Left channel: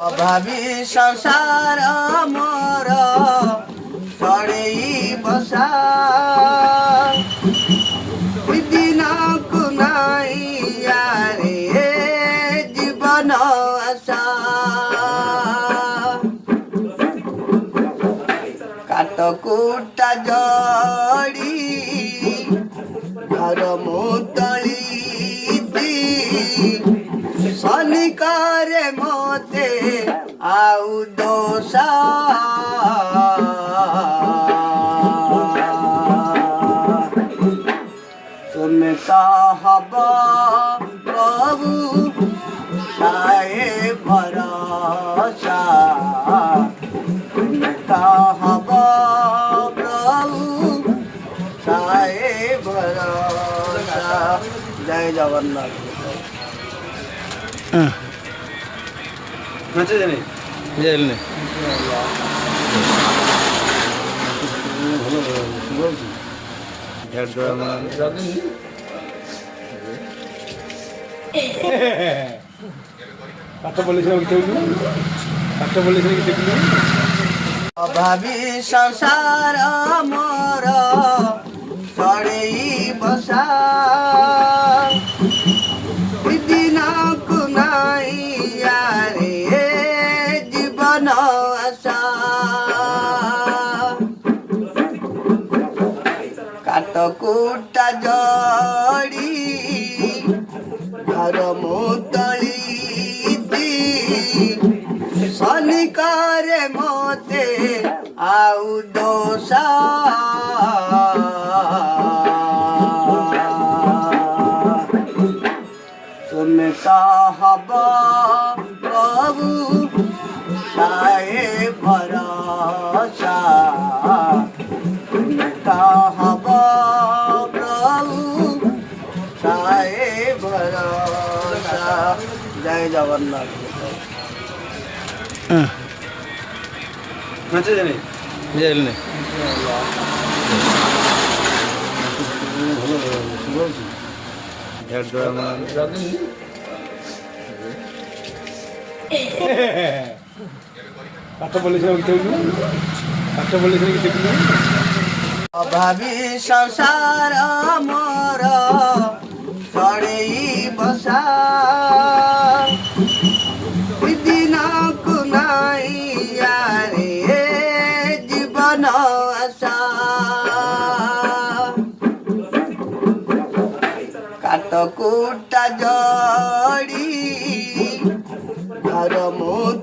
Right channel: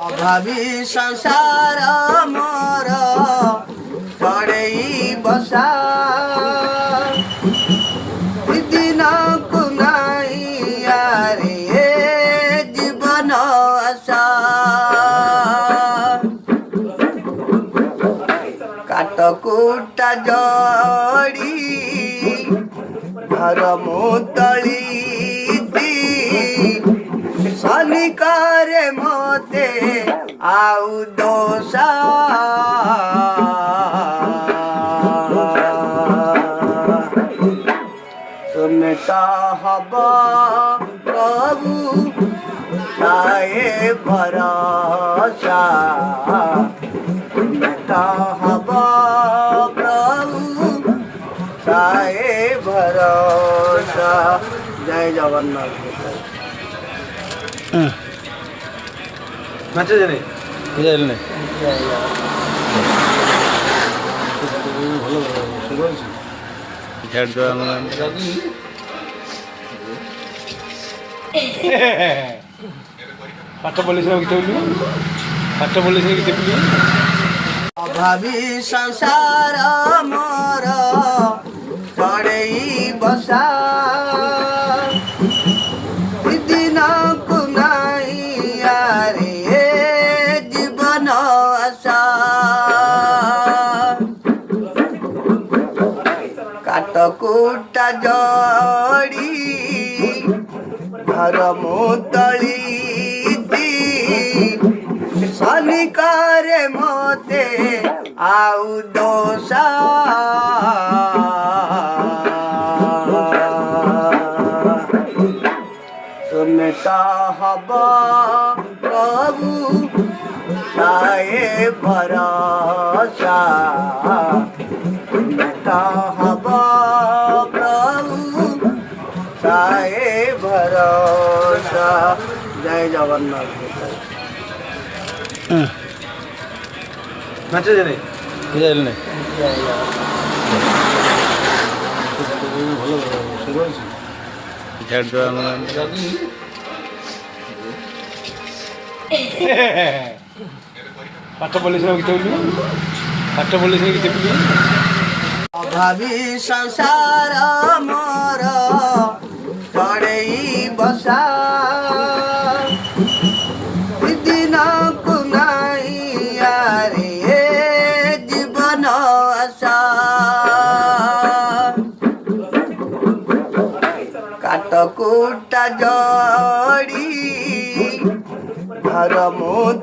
अभावी संसार मोर चढ़ई बसा दिन को नारे जीवन आशा काटकुटा जड़ी घर मुतली शनिकारे मते आउ दोषा तुम कहब प्रभु ताए भरोसा तुम कहब प्रभु ताए भरोसा। जय जगन्नाथ। নাচে জানি বুঝাইল না ভালো সুন্দর আছে ঝাড় দেওয়া পাঠটা বলেছিলাম কিছু বলবি পাঠটা বলেছিলাম কিছু বলবি अभावी संसार मोर चढ़ई बसा दिन को नारे जीवन आशा काटकुटा जड़ी घर मुतली शनिकारे मते आउ दोषा तुम कहब प्रभु ताए भरोसा तुम कहब प्रभु ताए भरोसा। जय जगन्नाथ। নাচে জানি বুঝাইল না ভালো সুন্দর আছে ঝাড় দেওয়া পাঠটা বলেছিলাম কিছু বলবি পাঠটা বলেছিলাম কিছু বলবি अभावी संसार मोर चढ़ई बसा दिन को नारे जीवन आशा काटकुटा जड़ी घर मुत